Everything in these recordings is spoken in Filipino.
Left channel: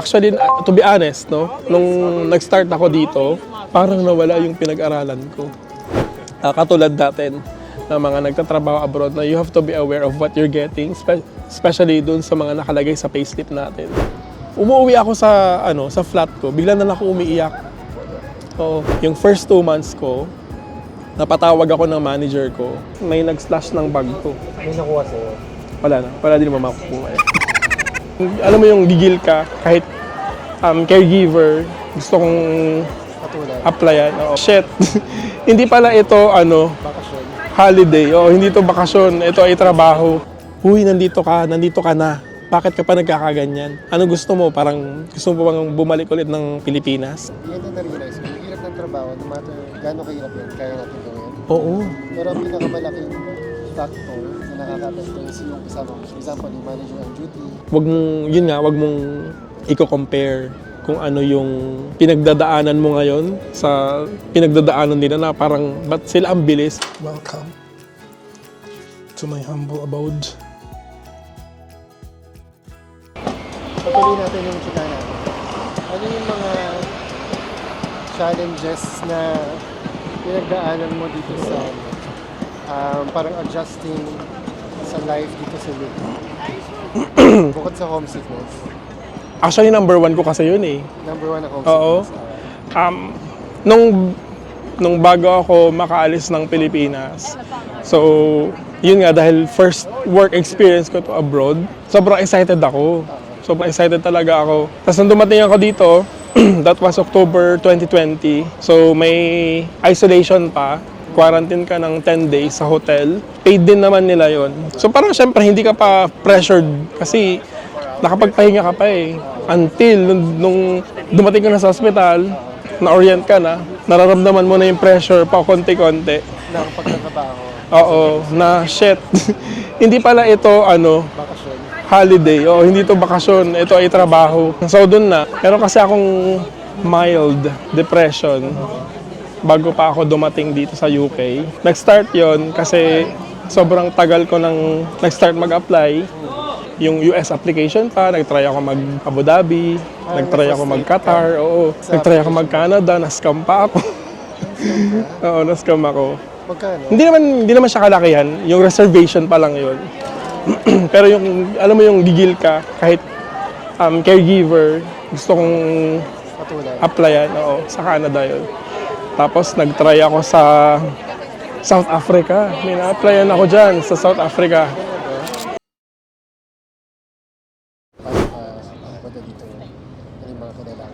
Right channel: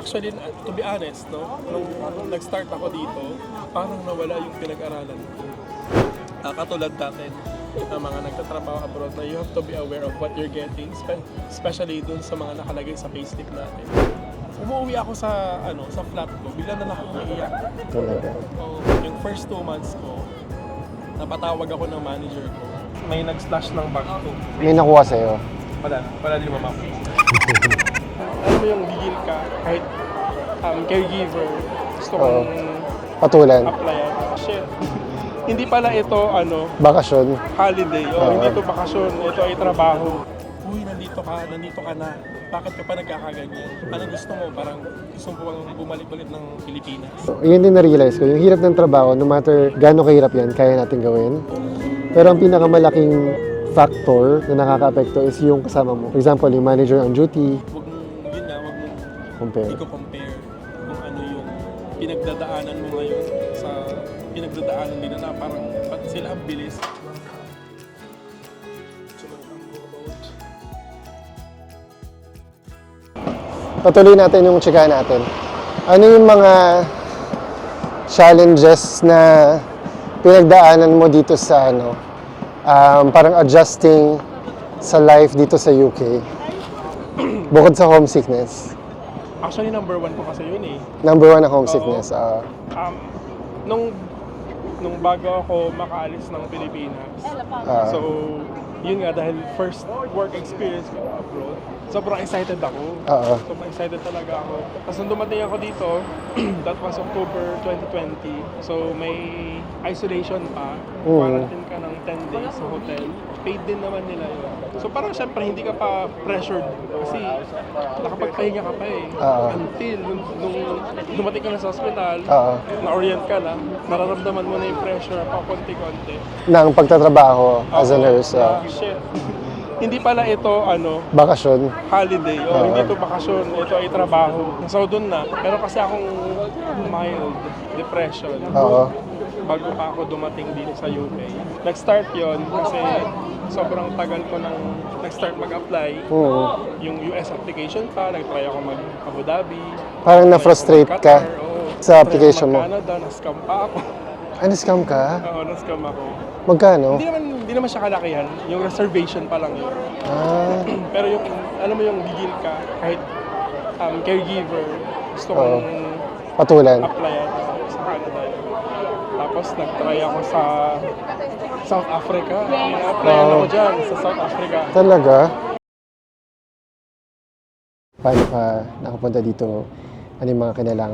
Actually, uh, to be honest, no, nung nag-start ako dito, parang nawala yung pinag-aralan ko. Ah, katulad natin na mga nagtatrabaho abroad na you have to be aware of what you're getting, spe- especially dun sa mga nakalagay sa payslip natin. Umuwi ako sa ano sa flat ko, bigla na lang ako umiiyak. Oo. Yung first two months ko, napatawag ako ng manager ko, may nag-slash ng bag ko. May nakuha sa'yo. Wala na, wala din naman makukuha. Alam mo yung gigil ka, kahit um, caregiver, gusto kong Patulan. applyan. Oo. Shit. hindi pala ito ano, Bakasyon. holiday. O hindi ito bakasyon, ito ay trabaho. Huy, nandito ka, nandito ka na. Bakit ka pa nagkakaganyan? Ano gusto mo? Parang gusto mo bang bumalik ulit ng Pilipinas? Yun din na-realize ko. Yung hirap ng trabaho, no matter gaano kahirap yan, kaya natin gawin. Oo. Pero ang pinakamalaking factor na nakaka-apekto is yung kasama mo. For example, yung manager on duty, Wag mong, yun nga, wag mong compare. i-compare kung ano yung pinagdadaanan mo ngayon sa pinagdadaanan nila na parang ba't sila ang bilis? Welcome to my humble abode. Patuloy natin yung chikahan natin. Ano yung mga challenges na pinagdaanan mo dito sa ano, um, parang adjusting sa life dito sa UK? Bukod sa homesickness. Actually, number one ko kasi yun eh. Number one na homesickness. ah, Um, nung, nung bago ako makaalis ng Pilipinas, ah, so, yun nga, dahil first work experience ko to abroad, sobrang excited ako. Oo. Sobrang excited talaga ako. Tapos nung dumating ako dito, that was October 2020. So may isolation pa. Quarantine ka ng 10 days sa hotel. Paid din naman nila yon. So parang syempre hindi ka pa pressured kasi nakapagpahinga ka pa eh. Oo. Until nung, nung dumating ka na sa hospital, Oo. na-orient ka na, nararamdaman mo na yung pressure pa konti-konti. ang pagtatrabaho as a Oo, nurse. na shit. hindi pala ito ano, bakasyon. holiday. O hindi to bakasyon, ito ay trabaho. So doon na. Pero kasi akong mild depression Oo. bago pa ako dumating dito sa UK. Nag-start yon kasi sobrang tagal ko nang nag-start mag-apply. Oo. Yung US application pa, nag-try ako mag-Abu Dhabi, Parang nag-try ako na-frustrate mag-Qatar, ka oo. sa nag-try ako application mo. mag-Canada, na-scam pa ako. Ano scam ka? oo, na-scam ako. Magkano? Hindi naman hindi naman siya kalakihan, yung reservation pa lang 'yon. Pero yung alam mo yung gigil ka kahit um, caregiver, gusto kong Patulan. applyan, oo, sa Canada 'yon. Tapos nag-try ako sa South Africa. May na-applyan ako diyan sa South Africa. Talaga? Paano ka nakapunta dito? Ano yung mga kailangan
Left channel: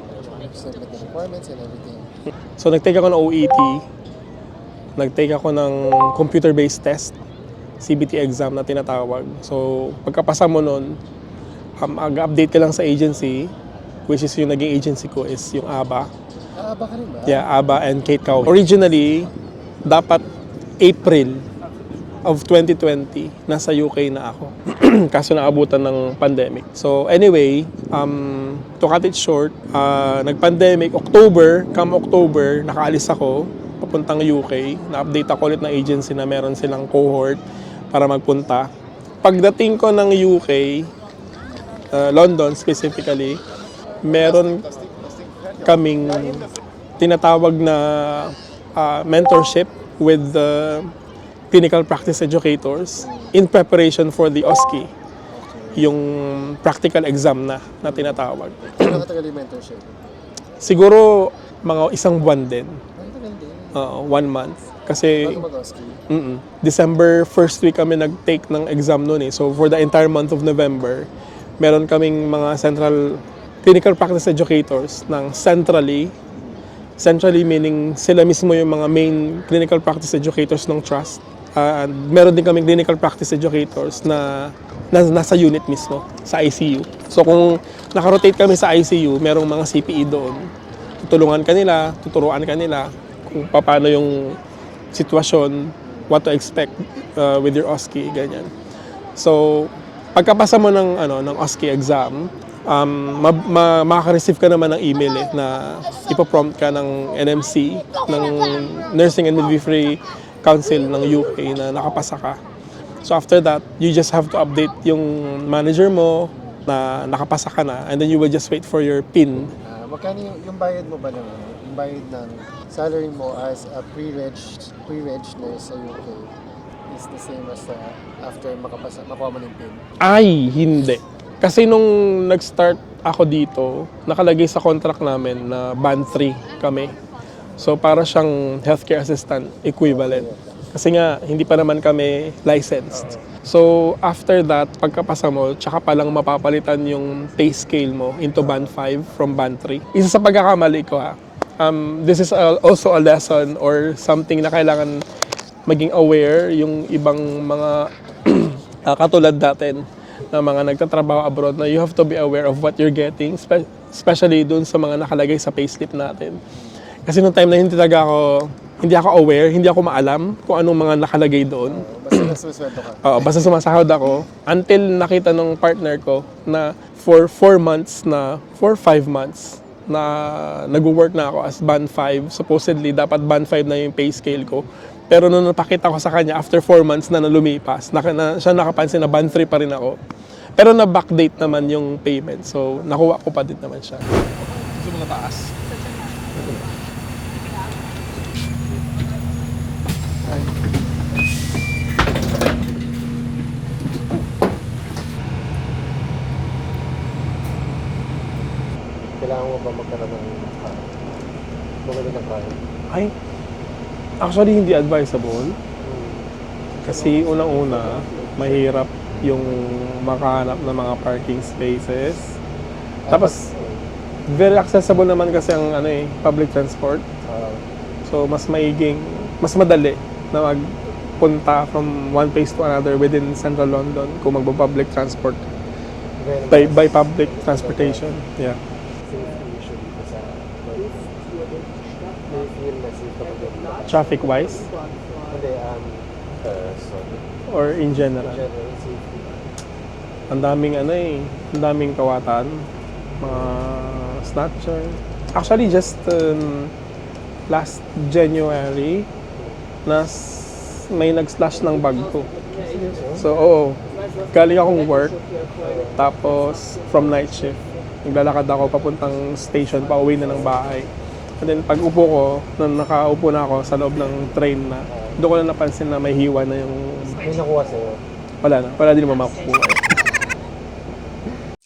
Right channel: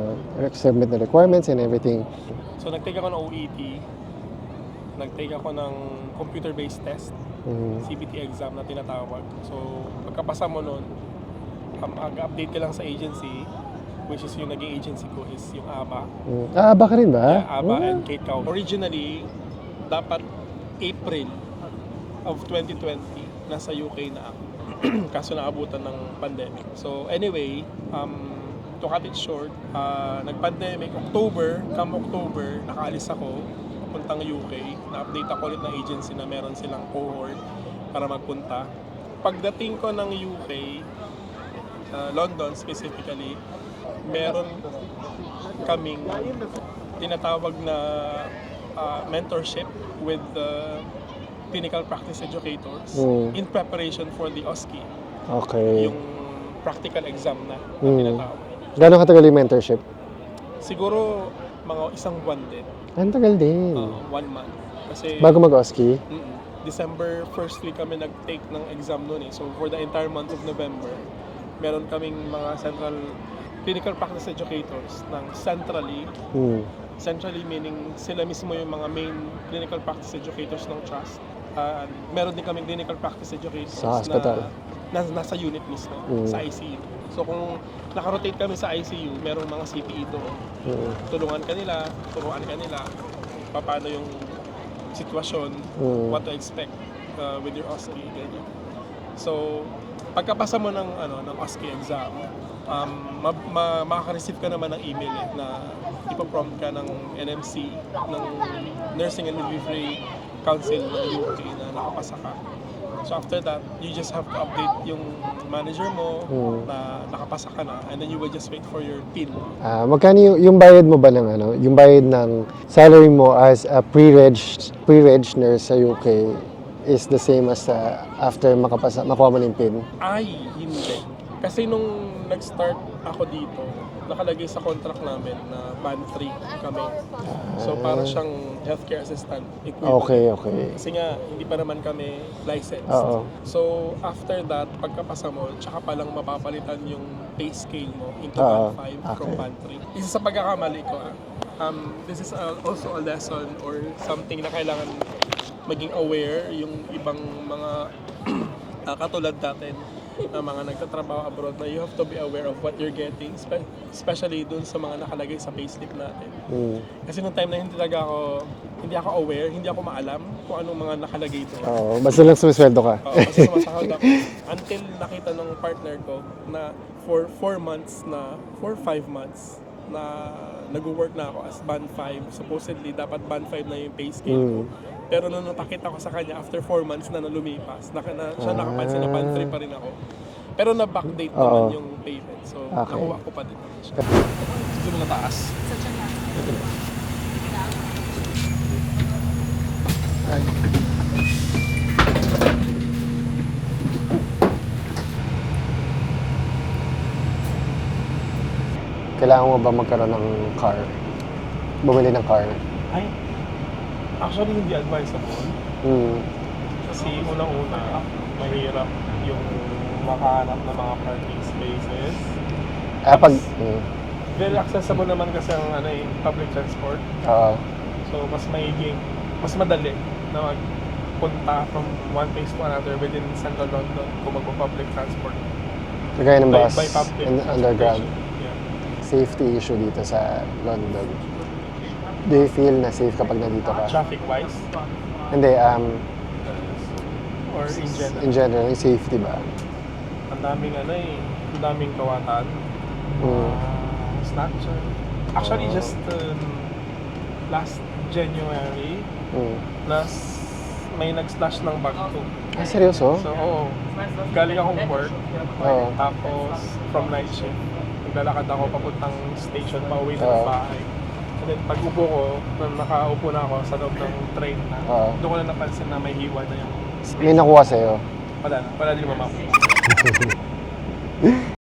submit na requirements and everything? So nag-take ako ng OET. Nag-take ako ng computer-based test, Mm. CBT exam na tinatawag. So pagkapasa mo nun, um, update ka lang sa agency, which is yung naging agency ko is yung ABA. Mm. Ah, aba ka rin ba? Yeah, ABBA and Kate Cow. Originally, dapat April of 2020, nasa UK na ako. Kaso naabutan ng pandemic. So anyway, um, to cut it short, uh, nag-pandemic, October, come October, nakaalis ako, papuntang UK. Na-update ako ulit ng agency na meron silang cohort para magpunta. Pagdating ko ng UK, uh, London specifically, meron kaming tinatawag na uh, mentorship with the clinical practice educators Mm. in preparation for the OSCE, Okay. yung practical exam na na tinatawag. Gano'ng katagal yung mentorship? Siguro mga isang buwan din, Ang tagal din. uh, one month. Kasi Bago mag-OSCE? Mm-mm. December first week kami nag-take ng exam noon eh. So for the entire month of November, meron kaming mga central clinical practice educators ng centrally Mm. Centrally meaning sila mismo yung mga main clinical practice educators ng trust. And meron din kaming clinical practice educators na, na nasa unit mismo, sa ICU. So kung nakarotate kami sa ICU, merong mga CPE doon. Tutulungan kanila, tuturuan kanila kung paano yung sitwasyon, what to expect uh, with your OSCE, ganyan. So, pagkapasa mo ng ano ng OSCE exam, um, ma, ma, makaka-receive ka naman ng email eh, na ipoprompt ka ng NMC, ng Nursing and Midwifery Council ng UK na nakapasa ka. So after that, you just have to update yung manager mo na nakapasa ka na and then you will just wait for your PIN. Ah, magkano yung, yung bayad mo ba ng ano? Yung bayad ng salary mo as a pre-reg pre-reg nurse sa UK is the same as uh, after makapasa makuha mo ng PIN. Ay, hindi. Kasi nung nag-start ako dito, nakalagay sa contract namin na band 3 kami. So para siyang healthcare assistant equivalent. Okay, okay. Kasi nga, hindi pa naman kami licensed. Oo. So, after that, pagkapasa mo, tsaka palang mapapalitan yung pay scale mo into Oo. band 5 from band 3. Isa sa pagkakamali ko ha, um, this is a- also a lesson or something na kailangan maging aware yung ibang mga ah, katulad natin na mga nagtatrabaho abroad na you have to be aware of what you're getting, spe- especially dun sa mga nakalagay sa payslip natin. Kasi nung time na hindi talaga ako, hindi ako aware, hindi ako maalam kung anong mga nakalagay doon. Oo, basta lang sumisweldo ka. Oo, basta sumasahod ako. Until nakita ng partner ko na for 4 months na, for 5 months na nag-work na ako as band 5. Supposedly, dapat band 5 na yung pay scale ko. Pero nung napakita ko sa kanya, after 4 months na nalumipas, na, na, siya nakapansin na band 3 pa rin ako. Pero na-backdate naman yung payment. So, nakuha ko pa din naman siya. Gusto mga taas. Kailangan mo ba magkaroon ng car? Bumili ng car? Ay, actually hindi advisable. Hmm. Kasi unang-una, mahirap yung makahanap ng mga parking spaces. Ah, pag... Tapos-. Very accessible naman kasi ang ano eh, public transport. Oo. So mas maiging, mas madali na magpunta from one place to another within central London kung magpa-public transport Kagaya ng by, bus by public and transportation. Yeah. underground. Safety issue dito sa London. Do you feel na safe kapag nandito ka? Traffic wise Hindi, um, or in general. in general, yung safety ba? Ang daming ano eh, ang daming kawatan. Mga snatcher. Actually just um, last January, Hmm. nas may nag-slash ng bag ko. Ah, seryoso? So, oo. Galing akong work, Oo. tapos from night shift, naglalakad ako papuntang station, pa uwi na ng bahay. And then pag upo ko, na nakaupo na ako sa loob ng train na, Oo. doon ko na napansin na may hiwa na yung, May nakuha sa'yo. wala na, wala din naman makukuha.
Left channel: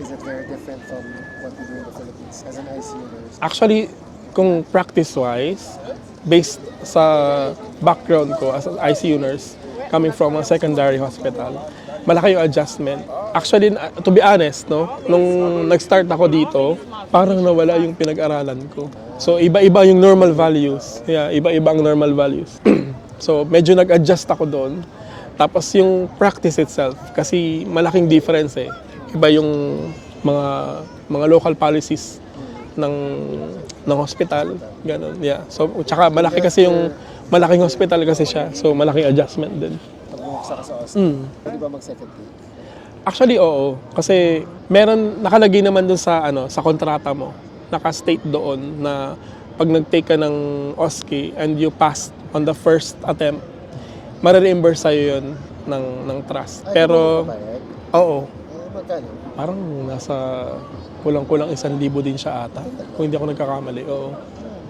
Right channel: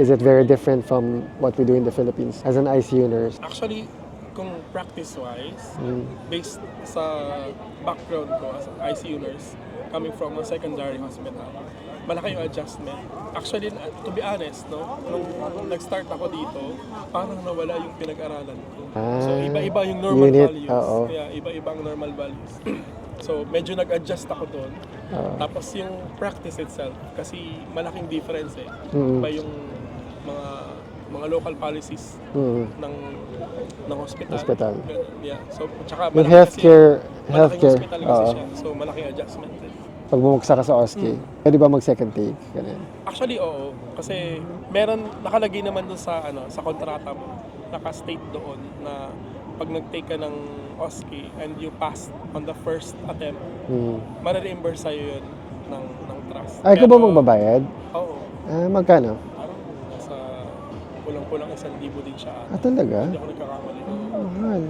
Is it very different from what we do in the Philippines as an ICU nurse? Actually, kung practice-wise, based sa background ko as an ICU nurse, coming from a secondary hospital, malaki yung adjustment. Actually, to be honest, no, nung nag-start ako dito, parang nawala yung pinag-aralan ko. So, iba-iba yung normal values. Yeah, iba-iba ang normal values. so, medyo nag-adjust ako doon. Tapos yung practice itself, kasi malaking difference eh. Iba yung mga mga local policies Hmm. ng ng hospital. Hospital. Ganun, yeah. So, tsaka malaki kasi yung malaking hospital kasi oo. siya. So, malaking adjustment din. Pag bumagsak ka sa Austin, Hmm. pwede ba mag-second take? Ganun. Actually, oo. Kasi meron, nakalagay naman doon sa, ano, sa kontrata mo. Naka-state doon na pag nag-take ka ng OSCE and you passed on the first attempt, Hmm. marireimburse sa'yo yun ng, ng trust. Ay, Pero, ba magbabayad? oo. Ah, magkano? Parang nasa kulang-kulang isang libo din siya ata. Ah, talaga? Kung hindi ako nagkakamali. Oo. Ay,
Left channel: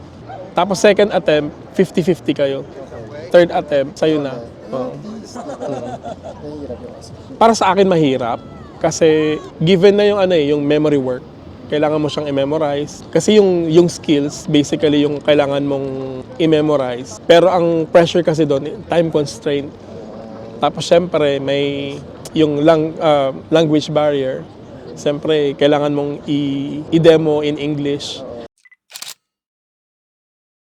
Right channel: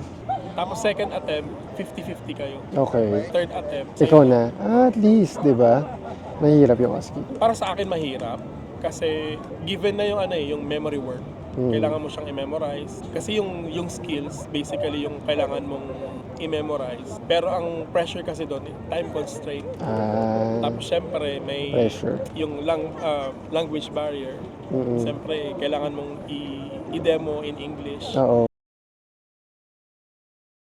Tapos second attempt, 50-50 kayo. Okay. Third attempt, sa'yo Ikaw na. na. Ah, at least, di ba? Mahirap yung OSCE. Para sa akin mahirap kasi given na yung ano eh, yung memory work. Hmm. Kailangan mo siyang i-memorize. Kasi yung, yung skills, basically yung kailangan mong i-memorize. Pero ang pressure kasi doon, time constraint. Ah, Tapos syempre may Pressure. yung lang, ah, language barrier. mm-mm. Siyempre, kailangan mong i- i-demo in English. Oo.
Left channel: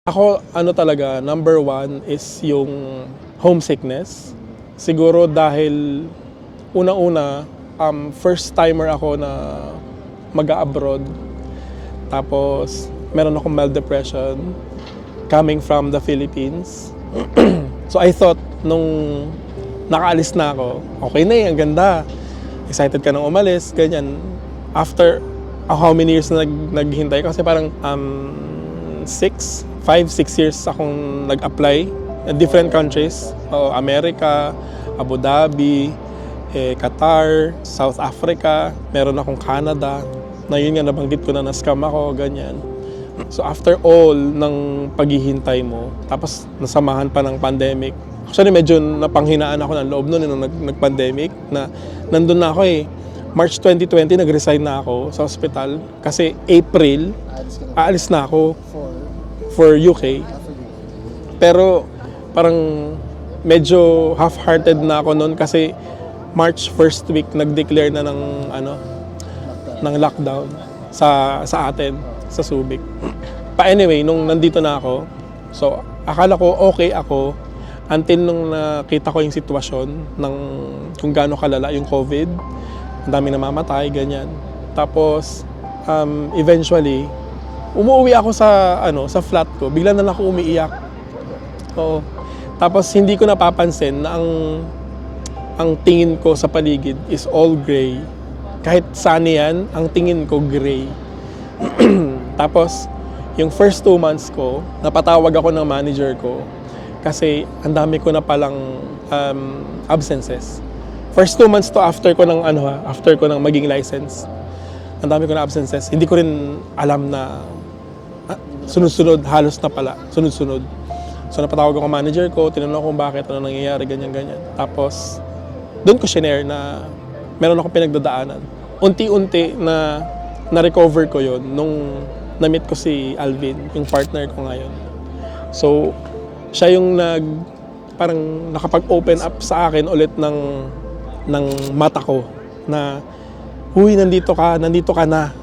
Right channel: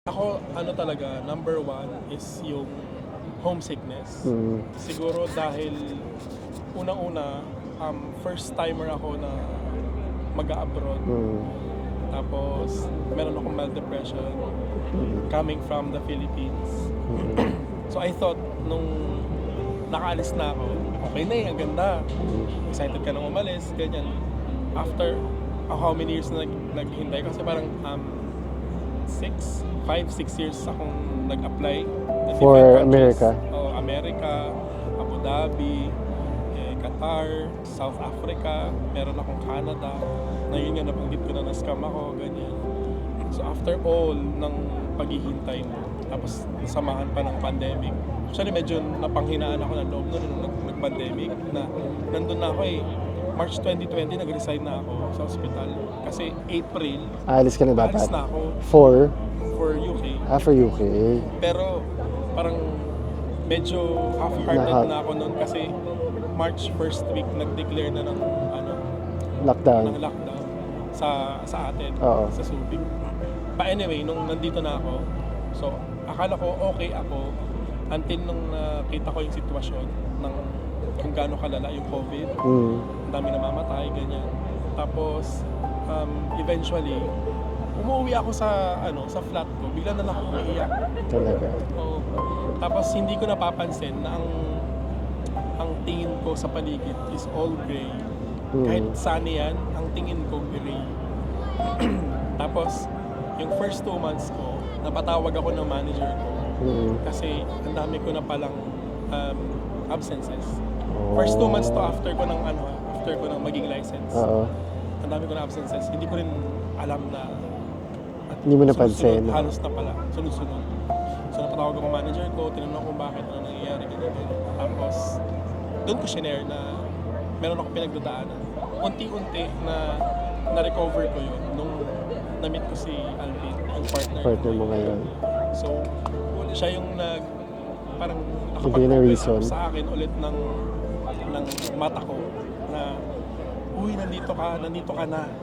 Ako, ano talaga, number one is yung homesickness. Mm. Siguro dahil una-una, um, first timer ako na mag-abroad. Mm. Tapos, meron akong mild depression coming from the Philippines. so I thought, nung nakaalis na ako, okay na eh, ang ganda. Excited ka nang umalis, ganyan. After uh, how many years na nag, naghintay? Kasi parang um, six, five, six years akong nag-apply uh, different For countries. America. Oo, America, Abu Dhabi, eh, Qatar, South Africa, meron akong Canada. Na yun nga, nabanggit ko na na-scam ako, ganyan. So after all ng paghihintay mo, tapos nasamahan pa ng pandemic, actually medyo napanghinaan ako ng loob noon nung nag- nag-pandemic na nandun na ako eh. March 2020, nag-resign na ako sa hospital kasi April, Aalis ka na dapat. aalis na ako For, for UK. ah, for UK. Pero parang medyo half-hearted na ako noon kasi March first week nag-declare na ng ano Lockdown. ng lockdown sa sa atin Oo. sa Subic. Pa anyway, nung nandito na ako, so akala ko okay ako until nung nakita ko yung sitwasyon ng kung gaano kalala yung COVID. Mm. Ang dami namamatay, ganyan. Tapos um, eventually umuwi ako sa ano sa flat ko. Bigla na lang ako umiiyak. Talaga. Oo. Tapos hindi ko napapansin na ang ang tingin ko sa paligid is all gray. Kahit saan yan, ang tingin ko gray. Tapos, yung first two months ko, napatawag ako ng manager ko Mm. Kasi ang dami ko na palang um, absences. First two months to after ko ng ano ha, after ko ng maging license. Oo. Ang dami ko na absences. Hindi ko rin alam na ah, sunod-sunod, halos na pala. Sunod-sunod. So napatawag ako manager ko, tinanong ko bakit, ano nangyayari, ganyan-ganyan. Tapos, doon ko shinare na meron akong pinagdadaanan. Unti-unti na na-recover ko yon nung na-meet ko si Alvin, yung partner ko ngayon. ngayon. So, siya yung nag parang nakapag-open up sa akin ulit ng ng mata ko na huy nandito ka, nandito ka na.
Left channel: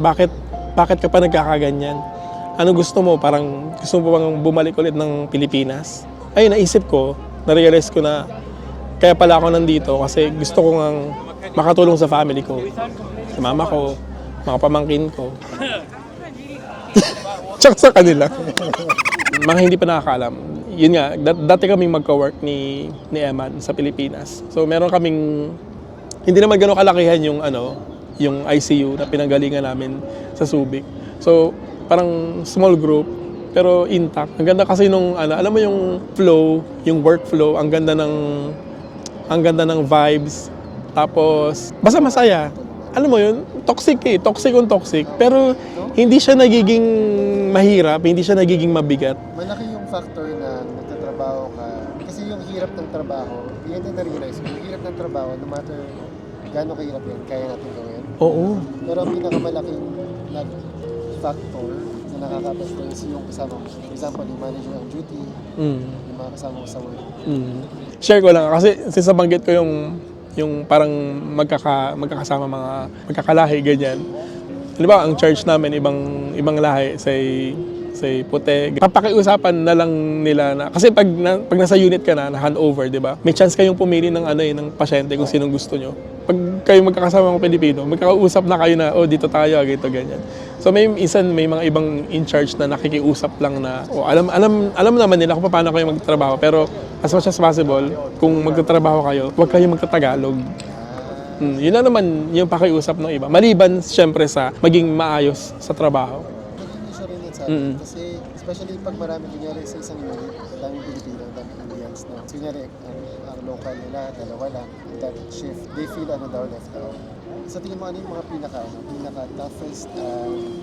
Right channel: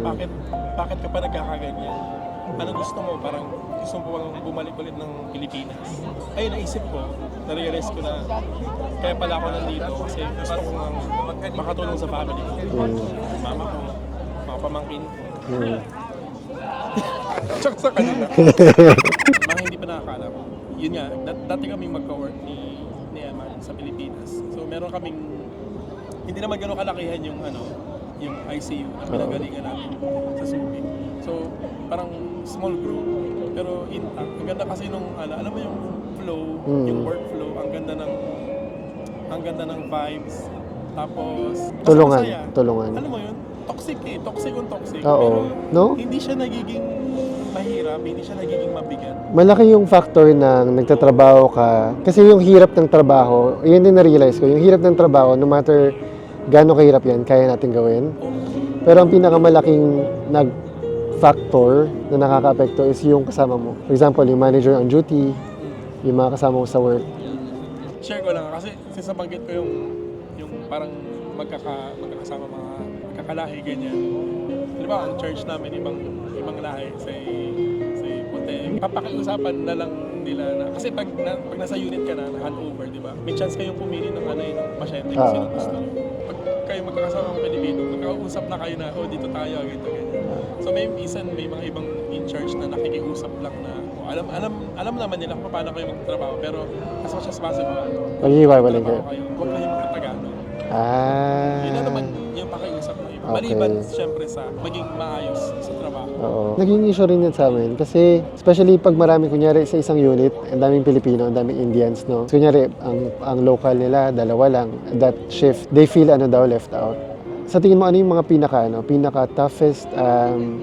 Bakit bakit ka pa nagkakaganyan? Ano gusto mo? Parang gusto mo bang bumalik ulit ng Pilipinas? Ay, naisip ko, na-realize ko na kaya pala ako nandito kasi gusto ko ngang makatulong sa family ko. Sa mama ko, mga pamangkin ko. Tsaka sa kanila. mga hindi pa nakakaalam. Yun nga, dat- dati kaming magka-work ni, ni Eman sa Pilipinas. So meron kaming, hindi naman gano'ng kalakihan yung ano, yung ICU na pinanggalingan namin sa Subic. So parang small group, pero intact. Ang ganda kasi nung, ano, alam mo yung flow, yung workflow, ang ganda ng, ang ganda ng vibes. Tapos, basta Tulungan, masaya. tulungan. Alam mo yun, toxic eh. Toxic kung toxic. Oo. Pero No? hindi siya nagiging mahirap, hindi siya nagiging mabigat. Malaki yung factor ng nagtatrabaho ka. Kasi yung hirap ng trabaho, yun din na-realize ko, yung hirap ng trabaho, no matter gaano kahirap yan, kaya natin gawin. Oo. Pero ang pinakamalaking nag factor na nakaka-apekto is yung kasama mo. For example, yung manager on duty, Mm. yung mga kasama mo sa work. Mm. Share ko lang kasi since nabanggit ko yung yung parang magkaka magkakasama mga magkakalahi ganyan. Halimbawa, ang church namin ibang ibang lahi say say puti. Papakiusapan na lang nila na kasi pag na, pag nasa unit ka na, na handover, 'di ba? May chance kayong pumili ng ano eh, ng pasyente kung Ah. sinong gusto nyo. Pag kayo magkakasama ng Pilipino, magkakausap na kayo na, oh, dito tayo, ganito, ganyan. So may isan may mga ibang in charge na nakikiusap lang na, oh, alam alam alam naman nila kung paano kayo magtatrabaho, pero as much as possible, kung Iiwanan magtatrabaho kayo, huwag kayo magtatagalog. Ah. Mm, yun na naman yung pakiusap ng iba. Maliban siyempre sa maging maayos sa trabaho. Oo. Naging issue rin yan sa amin. Mm. Kasi, especially pag marami, kunyari sa isang unit, ang daming Pilipino, ang daming Indians, no? So, kunyari, ang, ang local nila, dalawa lang. That shift, they feel ano daw, left out. Sa tingin mo, ano yung mga pinaka, ano, pinaka toughest um,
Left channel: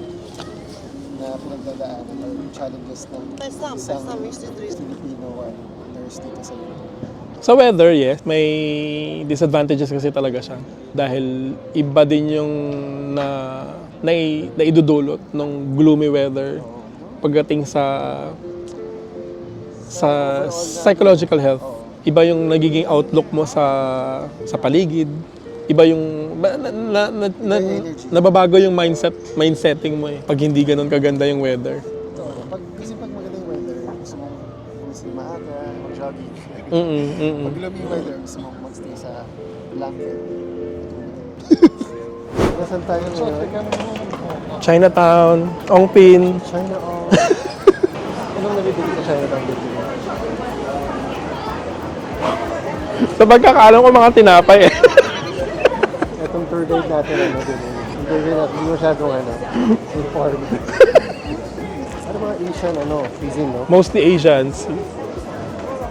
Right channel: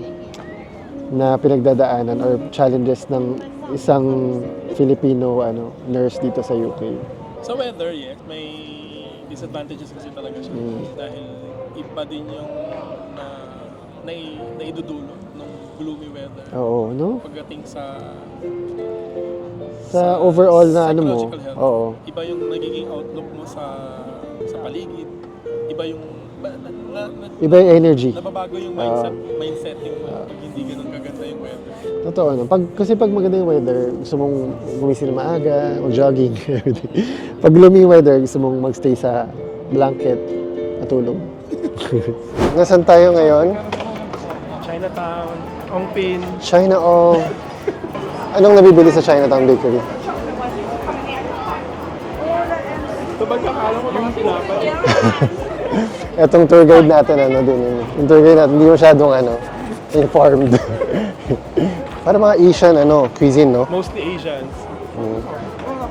na pinagdadaanan or challenges ng isang Filipino ano, nurse dito sa UK? Sa weather, yes, may disadvantages kasi talaga siya. Dahil iba din yung na, na, naidudulot ng gloomy weather Oo, no? pagdating sa Sa overall na ano psychological mo, health. oo. Iba yung nagiging outlook mo sa sa paligid. Iba yung ba- na, na, na, Iba yung energy. Nababago yung mindset, mindsetting mo eh, pag hindi ganun kaganda yung weather. Totoo na. Pag, kasi pag maganda yung weather, gusto mong gumising na maaga o jogging. Mm, mm, pag gloomy yung weather, gusto mong magstay sa blanket, matulog. Nasaan tayo ngayon? Chinatown, Ongpin, China o... Anong nabibili sa Chinatown Bakery? Sa pagkakaalam ko mga tinapay eh. Etong tour guide natin, ano din yun. Yung tour guide natin, hindi masyadong ano, informed. Para mga Asian, ano, cuisine, no? Mostly Asians.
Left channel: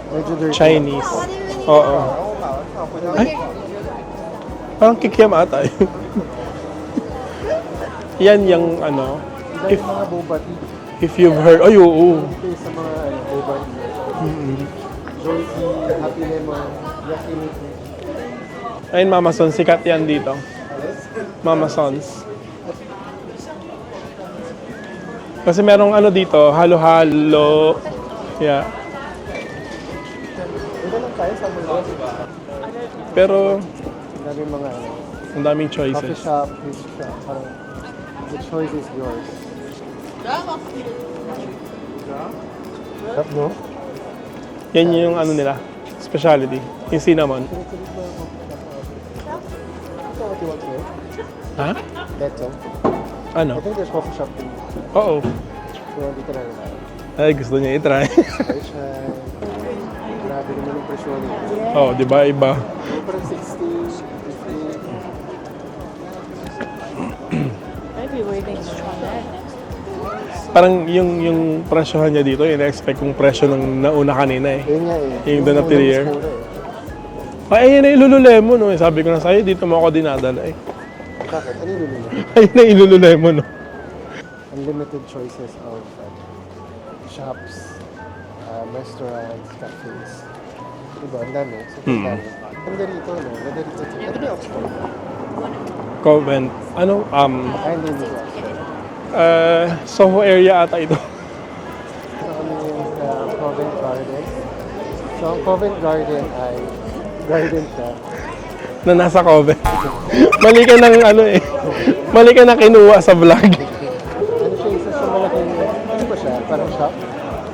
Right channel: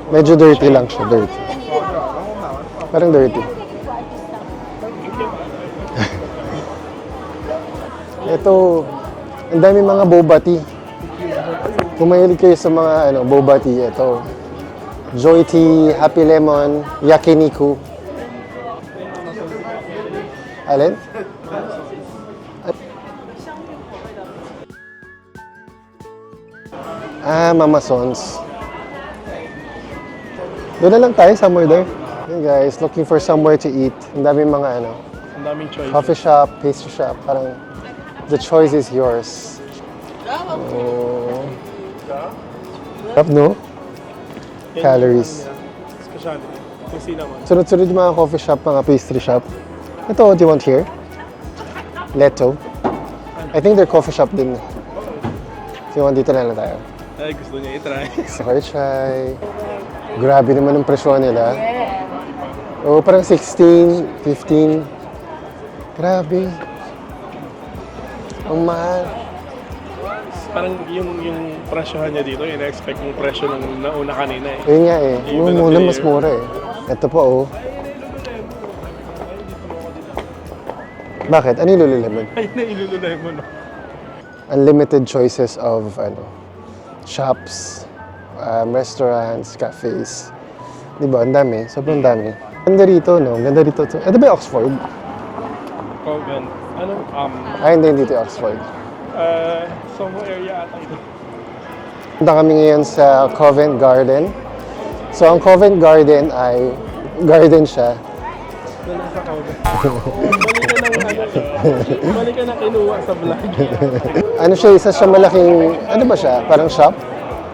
Medyo dirty lang siya, Chinese. dirty. Oo. Parang dirty. Parang kikiam ata eh. Yan Ito- yung ano, Ang dami mga boba tea. if you've heard, ay oo. Kung mahilig kayo sa mga ano, boba tea, ito. Joy Tea, Happy Lemon, Yakiniku. Ayun, Mama Sons, sikat yan dito. Alin? Mama Sons. Kasi merong ano dito, halo-halo. Ah, Mama Sons. Yeah. Doon na lang tayo, somewhere there. Hey guys, looking for Pero- somewhere to eat. Ang daming mga ano, Ang daming choices. coffee shop, pastry shop. Parang the choice is yours. Sarap, no? Yan yung calories. ano nila, specialty. Yung cinnamon. Sunod-sunod yung mga coffee shop, mga pastry shop. Ito, what do you want here? Ha? Leto. Ano? I think they're coffee shop din. Oo. So, you want dito na lang tayo. Ay, gusto niya i-try. Chai chai. Grabe naman ang presyo nila. Oo, di ba? Iba. Oo, parang 16, 15. Grabe. Ang mahal. Parang yung yung presyohan niya dito, ina-expect yung presyo nung nauna kanina eh. Yun nga eh. Iba Yung na muna mas player. mura eh. Ito pa oh. Ay, ayun na yung Lululemon. Oh. Sabi ko na sa'yo, dito mo ako dinadala eh. Bakit? Ano yung Lululemon? Ayun na yung Lululemon. Oh. Unlimited choices of ano, shops, um, restaurants, cafes. Di ba? Ang dami. Sobrang dami. Ganda rito, no? Ganda rito. Ito ba yung Oxford? Convent. Ano? Um, Ay, hindi dito yung Oxford. uh, Soho area ata ito. Punta kami ngayon sa Covent Garden. So, ang Covent Garden ay garden siya. na nasa Convent. Mali ka ng ano eh. Mali ka na kinuha sa vlog. Ano siya, isa siya malaking, ano ba siya? Parang shop?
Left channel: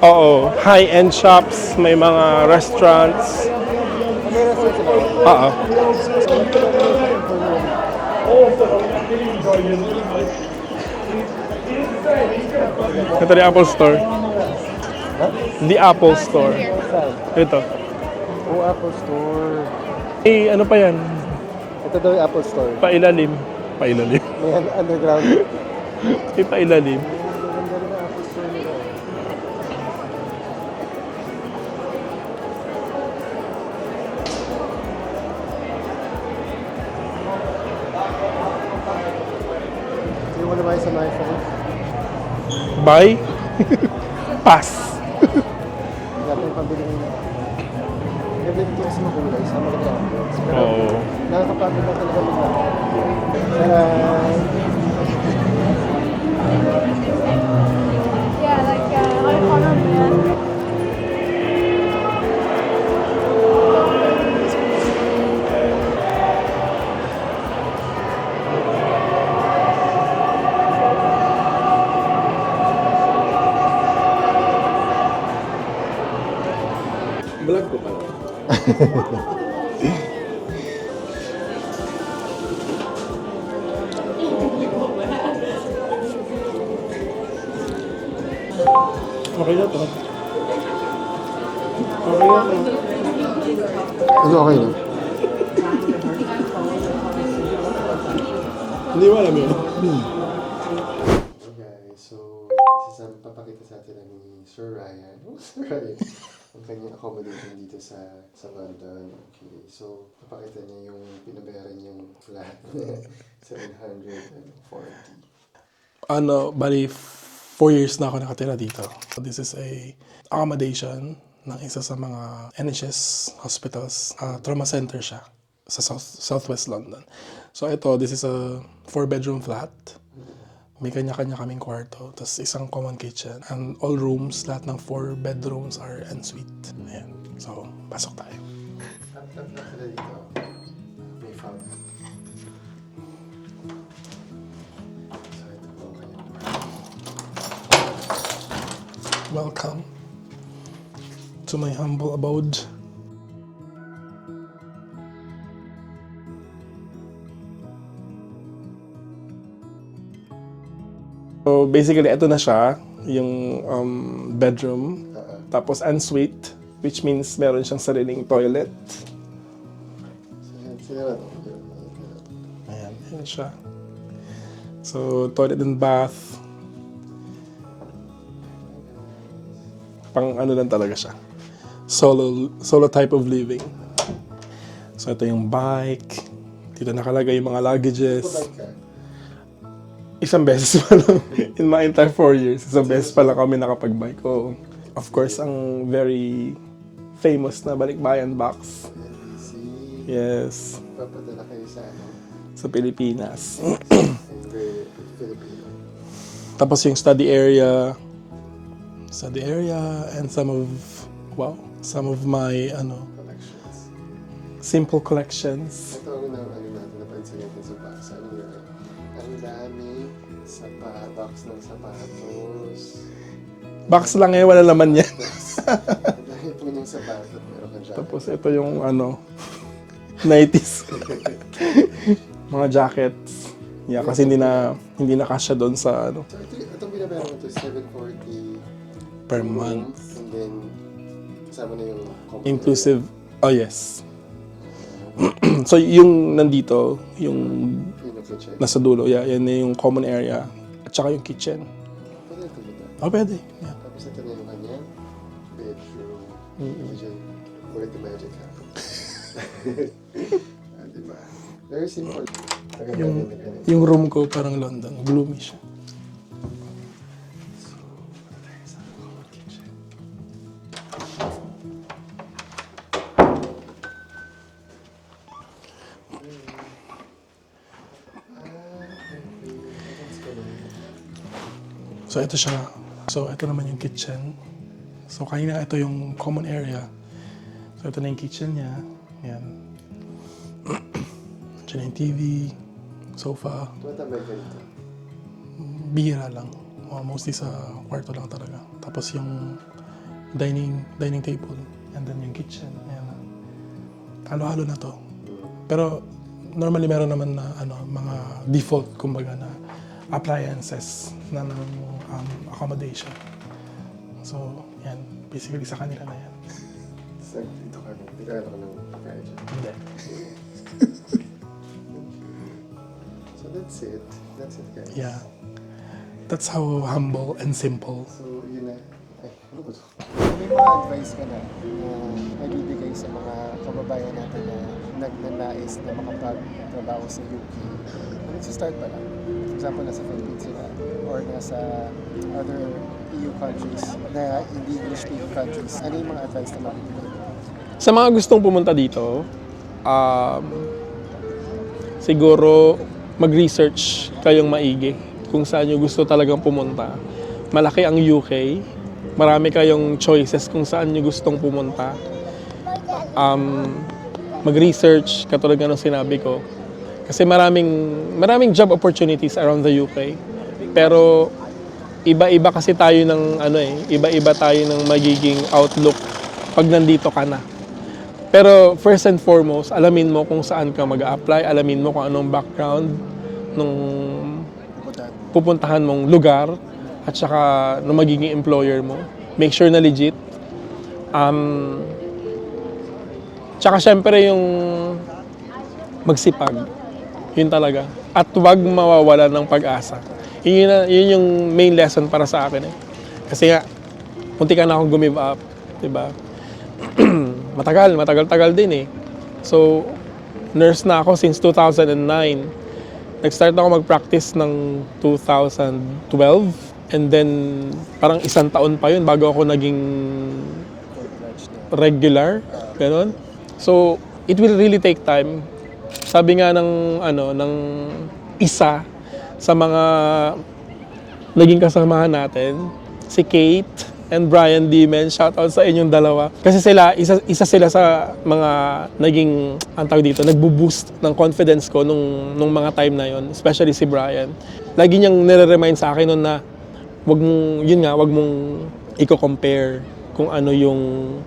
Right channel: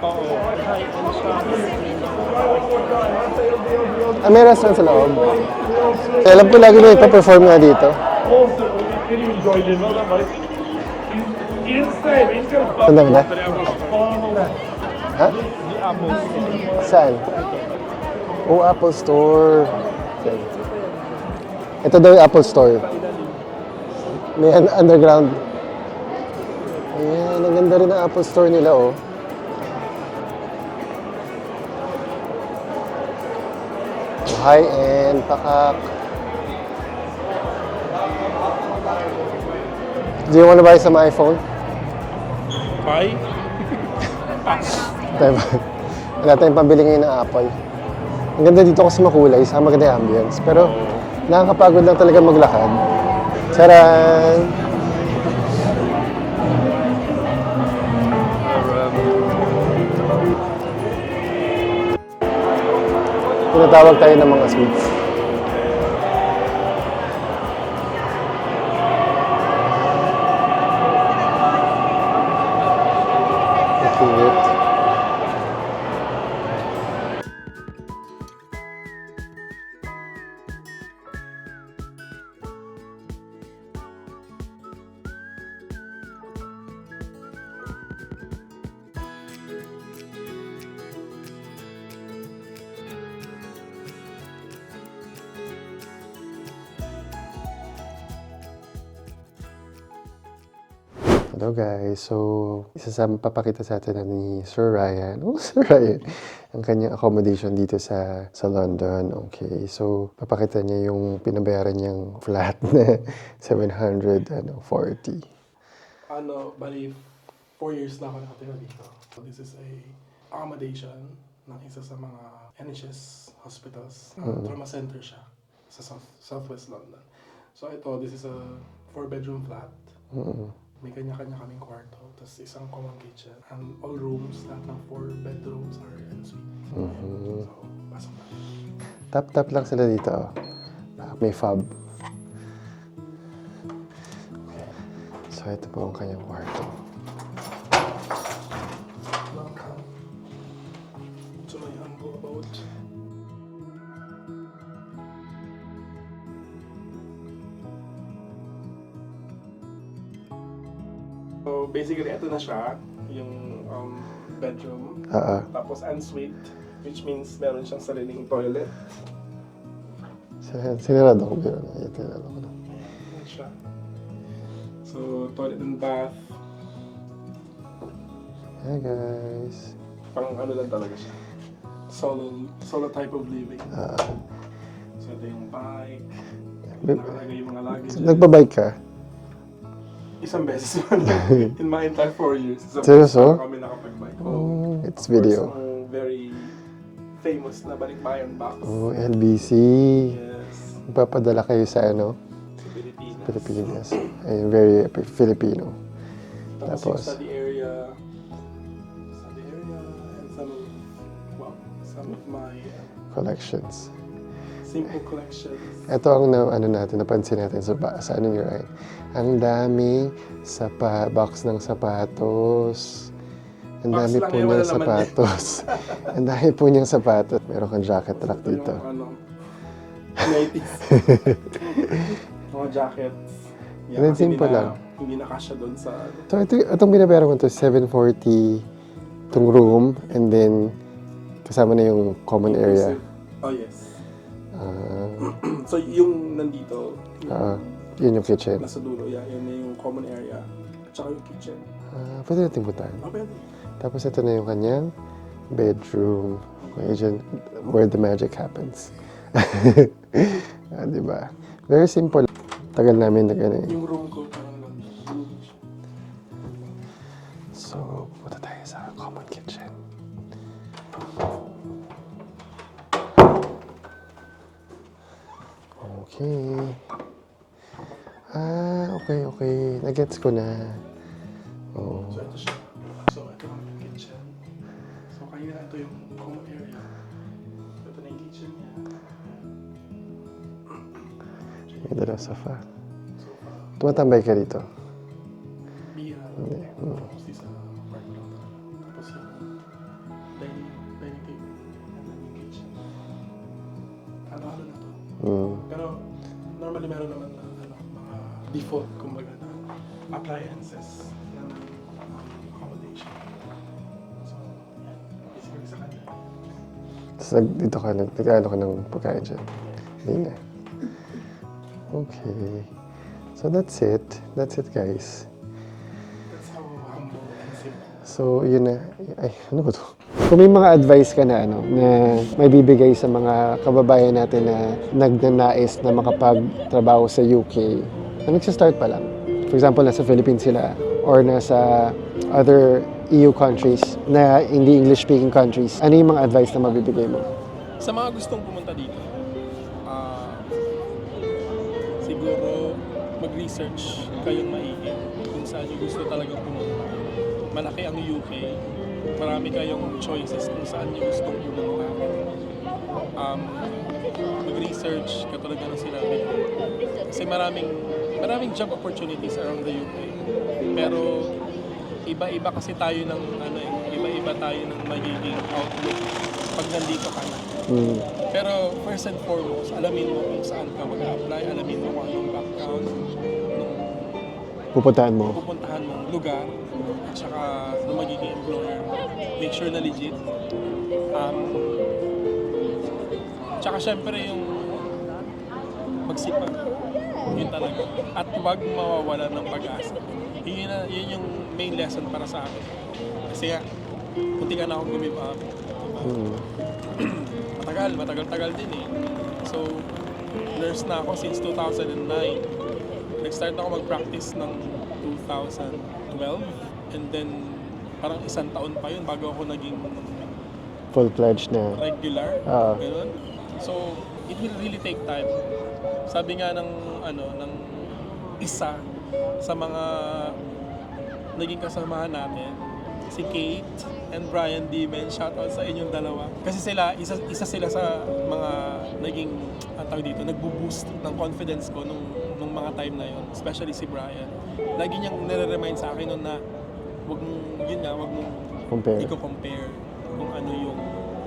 Oo. High-end shops, may mga restaurants. Ah, may restaurant sa loob. Oo. So, alam ko lagi na ipa-perform nga dito. Ba? Ito yung Apple Store. Ha? The Apple Store. Saan? Ito. Oh, Apple Store. Eh, ano pa yan? Ito daw yung Apple Store. Pailalim. Pailalim. May un- underground. Eh, pailalim. Ayan, ang ganda rin ang Apple Store nila, oh. High-end, pakak. Do you want to buy some iPhone? Buy. Pass. Wala tayong pambili ngayon ng Apple. Ang ganda dito kasi makulay, sa maganda yung ambience. Pero nakakapagod lang talaga maglakad. Charan! Tinatawag tayo ng mga sweets. Okay na to. Okay na to. Ano okay na? Hindi mo alam yun. Hello guys, so isa sa papakita sa atin na ni Sir Ryan, oh Sir Ryan, ang kanyang accommodation dito sa sa London. Okay, so papakita niya yung pinabayaran niyang flat na 740. Ano, bali, four years na ako nakatira dito. So this is a accommodation ng isa sa mga NHS hospitals. Uh, Trauma center siya sa South, Southwest London. So ito, this is a four-bedroom flat. May kanya-kanya kaming kwarto. Tapos isang common kitchen. And all rooms, lahat ng four bedrooms are en suite. Ayan. So, pasok tayo. Tap-tap lang sila dito. oh. Ah, May fob. So ito po ang kanyang kwarto. Welcome to my humble abode. Basically, ito na siya, yung um, bedroom. Ah. Tapos ensuite, which means meron siyang sariling toilet. Sin- Sinirado ko yun. Ayan, sinirado ko. Ayan, yan siya. So, toilet and bath. Hi guys. Pang ano lang talaga siya. solo solo type of living. so ito yung bike. Dito nakalagay yung mga luggages. Nagpa-bike ka? Isang beses pa lang. In my entire four years, isang beses pa lang kami nakapag-bike. Oh, It's of course, video. ang very famous na balikbayan box. Oh, LBC. Yes, Ipapadala kayo sa ano? sa Pilipinas. Pilipinas. Ayun, very Filipino. Tapos yung study area, study area, and some of, wow, some of my, ano, Collections. simple collections. Ito ang na, ano natin, napansin natin sa, sa ano your eye. Ang dami sapa, box ng sapatos. Ang Box dami lang po eh, wala niyang laman yan. sapatos. Ang dami po niyang sapatos. Meron kang jacket Tapos ito yung, dito. ano, 90s. mga jackets. Yeah, kasi hindi na, hindi na kasya doon sa, ano, So, ito, itong binabayaran ko to 740 Per itong room and then kasama na yung common inclusive. Oh, yes. so, yung nandito, yung Ah, yun yung kitchen. nasa dulo, yeah, yan yung common area. At saka yung kitchen. Ah, pwede natin puntahan. Oh, pwede. Yeah. Tapos ito na yung kanyang bedroom. Medyo where the magic happens. ah, di ba? Very simple. Tagal namin na ganun. Yung room ko parang London. Gloomy siya. Okay. Ah, okay, okay. Nagets ko na. Oh. So, ito siya. So, ito naman yung kitchen. So, kanina ito yung common area. So, ito na yung kitchen niya. Yan. Diyan na yung TV, sofa. sofa. Tumatambay ka dito. Bihira lang. Uh, Mostly sa kwarto lang talaga. Tapos yung dining dining table. And then yung kitchen. Ayan. Halo-halo na to. Mm. Pero normally meron naman na ano, mga default kumbaga na appliances na ng um, accommodation. So, yan. Basically sa kanila na yan. Tapos nag- dito ka, nag- nag-ano ka ng pagkain dyan. Yeah. okay. So that's it. That's it, guys. Yeah. That's how humble and simple. So, yun na. Ay, ano ba to? Kung may mga advice ka na, ano, na may bibigay sa mga kababayan natin na nagnanais na makapagtrabaho sa UK, na nagsa-start pa lang. For example, nasa Philippines sila or nasa other EU countries na hindi English-speaking countries, ano yung mga advice na mabibigay mo? Sa mga gustong pumunta dito, um, siguro mag-research kayong maigi kung saan nyo gusto talagang pumunta. Malaki ang UK, marami kayong choices kung saan nyo gustong pumunta. Um, mag-research, katulad nga ng sinabi ko. Kasi maraming, maraming job opportunities around the UK. Pero iba-iba kasi tayo ng ano eh, iba-iba tayo ng magiging outlook pag nandito ka na. Mm. Pero first and foremost, alamin mo kung saan ka mag apply alamin mo kung anong background nung Pupuntahan mo. pupuntahan mong lugar at saka nung magiging employer mo. Make sure na legit. Um, tsaka syempre yung magsipag. Yun talaga. At huwag mawawala ng pag-asa. Yun, yun, yun yung main lesson para sa akin eh. Kasi nga, munti ka na akong gumive up. Diba? matagal, matagal-tagal din eh. So, nurse na ako since 2009. Nag-start ako mag-practice ng 2012. And then, parang isang taon pa yun bago ako naging Full-fledged na. regular. Ah. Ganon. So, it will really take time. Sabi nga ng, ano, ng isa sa mga naging kasamahan natin, si Kate and Brian Dimen. Shout out sa inyong dalawa. Kasi sila, isa, isa sila sa mga naging, ang tawag dito, nagbo-boost ng confidence ko nung, nung mga time na yon especially si Brian. Lagi niyang nire-remind sa akin nun na wag mong, yun nga, wag mong Compare. i-compare kung ano yung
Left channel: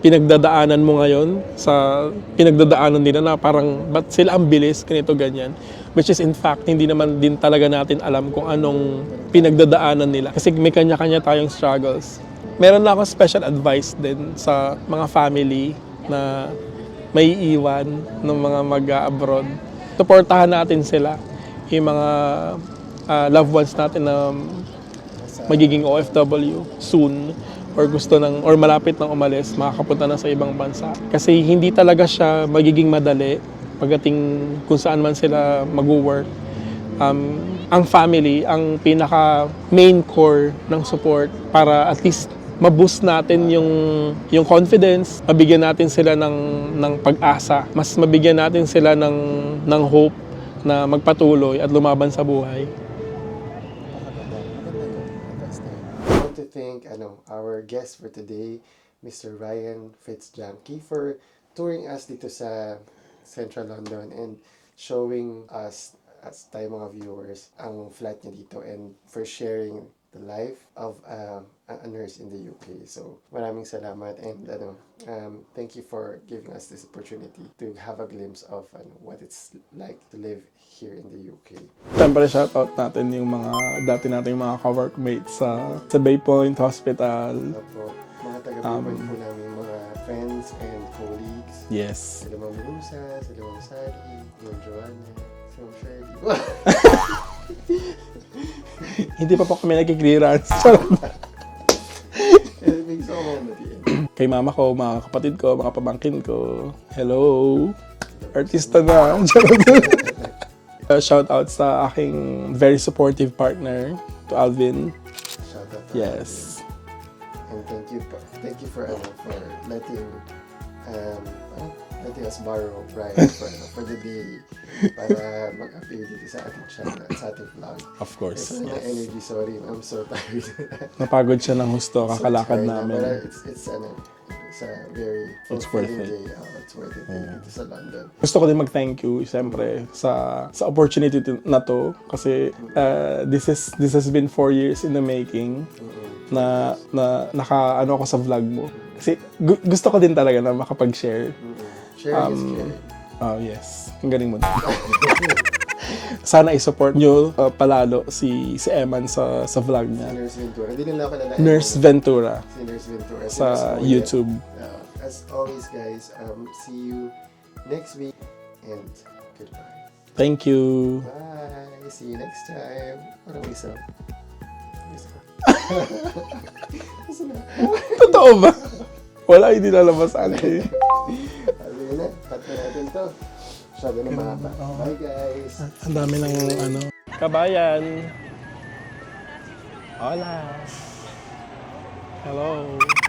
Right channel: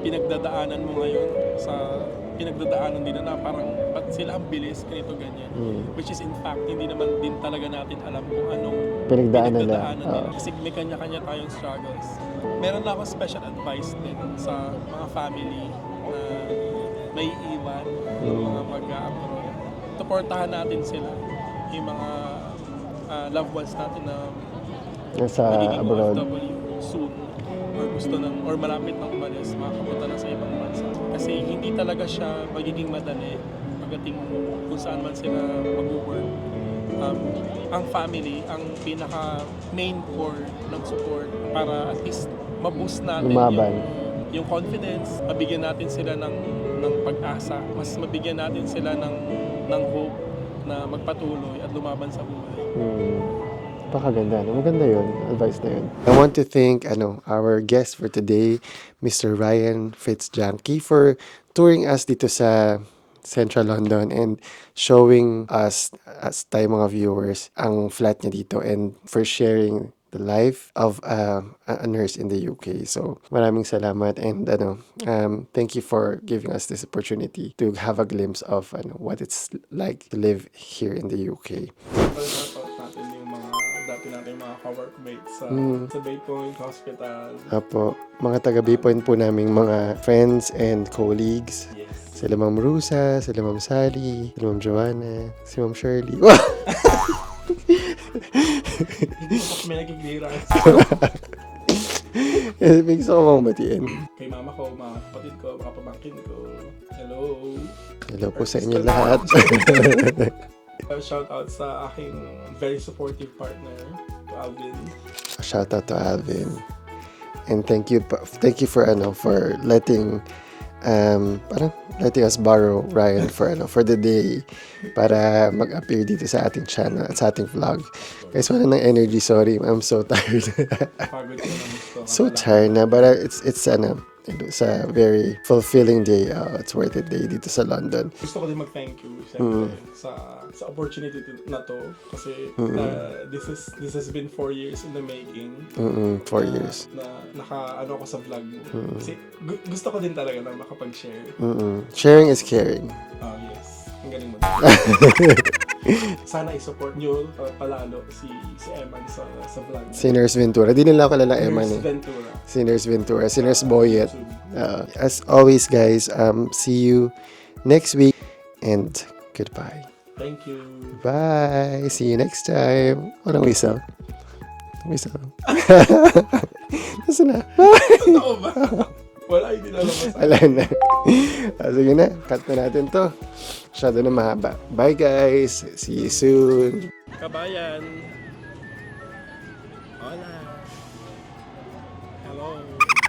pinagdadaanan mo ngayon sa pinagdadaanan nila na parang ba't sila ang bilis, ganito, ganyan. Which is in fact, hindi naman din talaga natin alam kung anong Pinagdaanan pinagdadaanan nila. Kasi may kanya-kanya tayong struggles. Meron na akong special advice din sa mga family na may iwan ng mga mag-abroad. Suportahan natin sila, yung mga ah, loved ones natin na Nasa magiging. OFW soon. or gusto ng or malapit nang umalis, makakapunta na sa ibang bansa. Kasi hindi talaga siya magiging madali pagdating kung saan man sila mag-work. Um, ang family, ang pinaka main core ng support para at least ma-boost natin Lumaban. yung yung confidence, mabigyan natin sila ng ng pag-asa, mas mabigyan natin sila ng ng hope na magpatuloy at lumaban sa buhay. Pakaganda. No? Maganda yun. Advice na yun. I want to thank ano, our guest for today, Mr. Ryan Fitzjanky, for touring us dito sa Central London and showing us, as tayo mga viewers, ang flat niya dito and for sharing the life of uh, a nurse in the UK. So, maraming salamat and ano, um, thank you for giving us this opportunity to have a glimpse of ano, what it's like to live here in the UK. Siyempre, shoutout natin yung mga dati nating mga ka-workmates sa, sa Bay Point Hospital. Apo, mga taga Bipoint po naming mga friends and colleagues. Yes. Sila Ma'am Rusa, sila Ma'am Sally, sila Ma'am Joanna, si Ma'am Shirley. Hindi pa po kami nagki-clearance. Eh, May gusto ko mong batiin. Kay mama ko, mga kapatid ko, mga pamangkin ko. Hello. Hello po sa Artista na. Uh, shout out sa aking very supportive partner, to Alvin. Shout out to Yes. Alvin. And thank you thank you for ano for letting um parang letting us borrow Ryan for ano for the day para mag-appear dito sa ating channel at sa ating vlog. Of course. Guys, wala ng energy. Sorry, I'm so tired. Pagod siya ng husto. so tired na, but uh, it's it's ano, it's a very fulfilling day. Uh, it's worth it day dito sa London. gusto ko din mag-thank you siyempre sa sa opportunity to- na to kasi uh, this is this has been four years in the making Mm-mm, four na, years. na naka ano ako sa vlog mo kasi gu- gusto ko din talaga na makapag-share Mm-mm. Sharing Um, is caring. oh yes ang galing mo sana i-support nyo uh, palalo si si Eman sa sa vlog Si niya Nurse Ventura. Di nila ako kilala. Eman, Nurse eh. Ventura Si Nurse Ventura. Si sa Nurse Boyet. YouTube Uh, as always, guys, um, see you next week and goodbye. thank you Bye. See you next time. Walang whistle. Whistle. Nasaan na? totoo ba wala hindi lalabas Wala na. Ah, sige na. Cut na natin to. Masyado na mahaba. Bye, guys. See you soon. ano. Kabayan. Hola. Hello.